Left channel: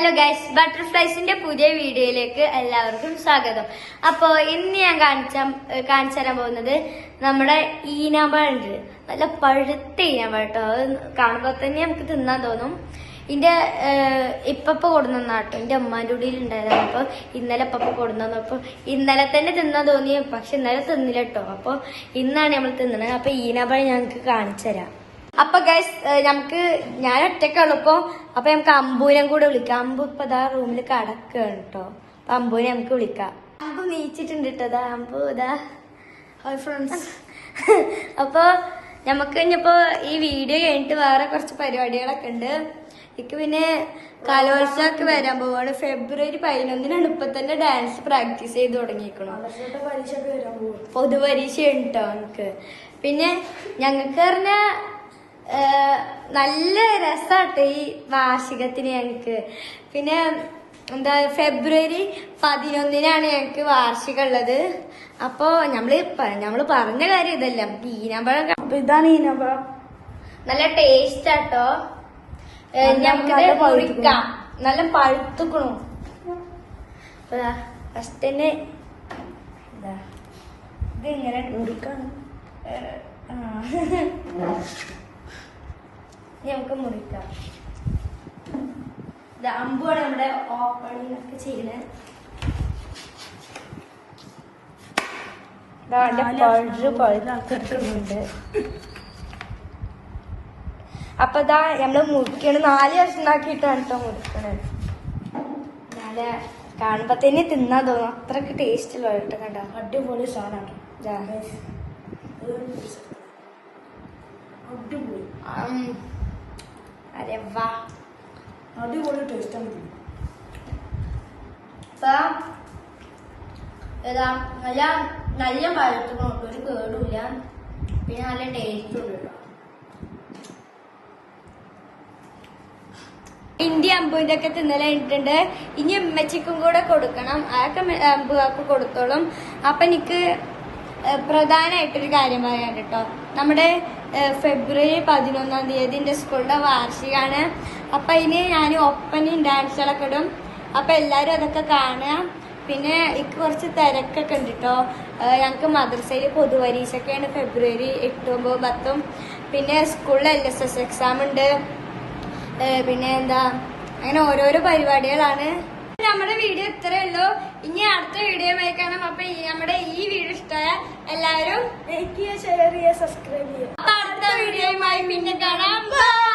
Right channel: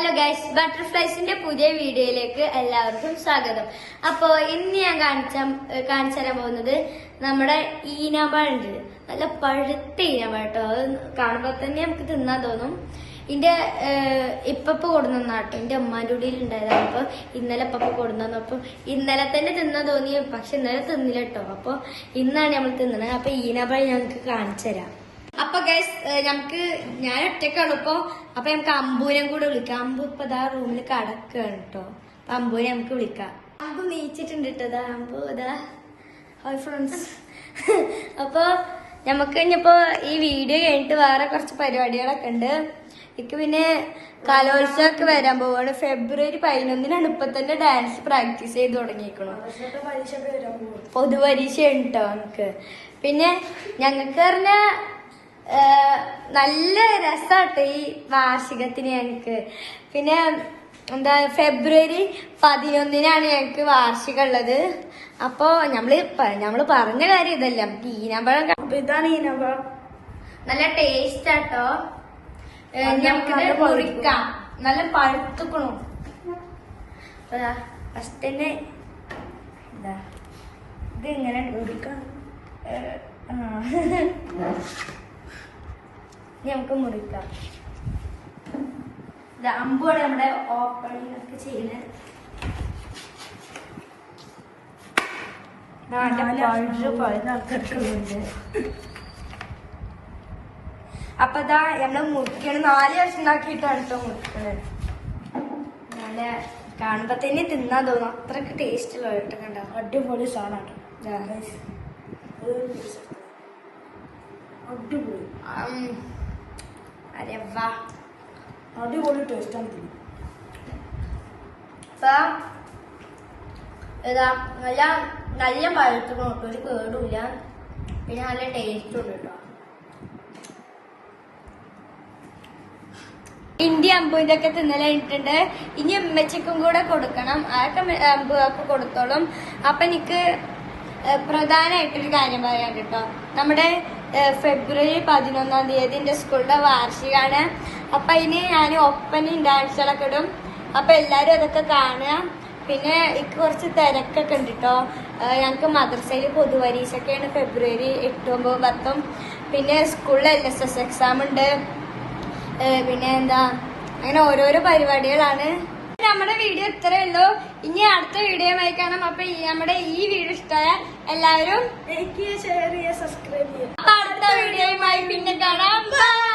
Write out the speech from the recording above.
Hello guys, ബട്ടർഫ്ലൈസിന്റെ പുതിയ വീഡിയോയിലേക്ക് എല്ലാവർക്കും സ്വാഗതം. അപ്പോ ഇന്ന് ഞാൻ കാണിച്ചു തരാൻ പോകുന്നത് നമ്മുടെ ഈനാമ്പഴുണ്ട്. നല്ല പഴുത്ത ഈനാമ്പഴം കേട്ടോ. അത് കാണുമ്പോൾ തന്നെ നമുക്ക് തിന്നാൻ തോന്നും. ഇതിന്റെ ഇപ്പപ്പ കൊടുന്നാട്ടോ, എന്റെ ഉമ്മാന്റെ ഉള്ളിൽ ഉണ്ടായതാണ്. അപ്പൊ ഇന്നലെ ഇപ്പപ്പ കൊടുന്നു. അപ്പൊ ഇന്നലെ തന്നെ തിന്നാൻ തോന്നി, പക്ഷെ ഇന്നലെ തിന്നില്ല കേട്ടോ. അപ്പൊ ഇന്നാണ് നമ്മൾ തിന്നണത്. അപ്പൊ ഈനാമ്പഴം ഞങ്ങൾക്ക് കാണിച്ചു തരാം. അപ്പൊ ഗൈസ്, നമുക്ക് ഞാൻ ഒറ്റക്കുള്ളൂ ഇപ്പൊ. അപ്പൊ നമുക്ക് അമ്പൂരം കൂടെ വിളിക്കാം. അമ്പു ഇപ്പൊ ഇതാ റൂമിൽ കടക്കാണ് കേട്ടോ. അപ്പൊ അമ്പൂനെ നമുക്ക് വിളിക്കാം. അമ്പു നീച്ചിട്ടുണ്ട് കേട്ടോ. അമ്പു ഇതാ ഹായ് ഫ്രണ്ട്സ്. അപ്പൊ നമുക്ക് ഇനിയിപ്പോ ഈ വീഡിയോ കഴിഞ്ഞിട്ട് വേറെ കുറച്ച് പരിപാടികളൊക്കെ ഉണ്ട്. എനിക്ക് പിന്നെ കലോത്സവമൊക്കെ വരാൻ പോവാണ്. ഫെബ്രുവരി 11-നാണ്. ഇപ്പൊ തന്നെ ഡാൻസ് പ്രാക്ടീസ് ചെയ്ത് തുടങ്ങിയിരിക്കണം. പൊതുപരീക്ഷ ഉണ്ടോ നമുക്ക്. പിന്നെ ഞങ്ങൾക്ക് പറഞ്ഞ നല്ല രസാട്ടോ ഈ വാർഷികത്തിന് ഞങ്ങക്ക്. പിന്നെ എന്താ, ഫെബ്രുവരി 11-നാണ് ഞങ്ങക്ക് വാർഷികം ഉള്ളത്. അപ്പൊ നമ്മള് പറഞ്ഞ കാര്യം ഇതല്ല. നമുക്ക് ഈനാമ്പഴം, ഇതാണ് ഈനാമ്പഴം. നല്ല ടേസ്റ്റ് ആട്ടോ. ഞങ്ങക്കിത് മുറിക്കാം. നല്ല പഴുത്തുക്കണം. ഫസ്റ്റ് തന്നെ ഇതാ ഇത് ഇങ്ങനെ മുറിക്കണം. നമുക്ക് മുറിക്കാം. അമ്പുമാണ് നമ്മുടെ ഓപ്പണിംഗ് ഒക്കെ ചെയ്യുന്നത്. അപ്പൊ ഇതാ നമ്മള് മുറിക്കണം. 4 കഷ്ണാക്കിയിട്ടാണ് കേട്ടോ മുറിക്കണത്. നല്ല കാണുമ്പോ തന്നെ തിന്നാൻ തോന്നും. അത്രക്ക് ടേസ്റ്റ് ഉള്ള കേട്ടോ. കണ്ടോ, അടിപൊളി സാധനമാണ്. അടിപൊളി. അരെ വാ, അടിപൊളി ടേസ്റ്റാണ്. നല്ല പഴുത്ത് ഒരു കേടുമില്ല. പിന്നെ നല്ല ടേസ്റ്റ് ഉണ്ട് കേട്ടോ. ഇന്ത്യ അമ്പൂന്റെ ഒക്കെ തിന്നല കഴിഞ്ഞിട്ടുണ്ട്. ഇനി ഉമ്മച്ചക്കും കൂടെ കൊടുക്കണം. അതൊക്കെ അമ്പുകാർക്ക് കൊടുത്തോളും. അപ്പൊ എനിക്ക് പ്രധാനമായിട്ടൊരു കാര്യം പറയാൻ കേട്ടോ. നമ്മുടെ ഫെബ്രുവരി 11-ാം തീയതി എന്റെ സ്കൂളിന്റെ വാർഷികമാണ്. അപ്പൊ അതിന് ഞാൻ ഒപ്പനയും ഡാൻസുകളൊക്കെ ഇടും. അപ്പൊ എല്ലാരും അതൊക്കെ കാണുക. പിന്നെ എനിക്ക് കുറച്ച് തിരക്കൊക്കെ ഉണ്ട് കേട്ടോ. ഞങ്ങൾക്ക് മദ്രസയിൽ പൊതുപരീക്ഷയൊക്കെയാണ് ഫെബ്രുവരി 8, 9, 10. പിന്നെ സ്കൂളിൽ LSS എക്സാം ഉണ്ട്. പിന്നെ എന്താ, അങ്ങനെ ഓരോരോ പരിപാടികളാണ്. നമ്മുടെ വീഡിയോ ഇത്രയേ ഉള്ളൂ. ഇനി അടുത്ത വീഡിയോയുമായി കാണാം. അപ്പൊ നമ്മുടെ ഈ വീഡിയോ ഇഷ്ടമായ എല്ലാവരും ലൈക്ക് ചെയ്യുക, ഷെയർ ചെയ്യുക, സബ്സ്ക്രൈബ് ചെയ്യുക. അപ്പൊ അടുത്ത വീഡിയോയുമായി പിന്നെ കാണാം. ബൈ.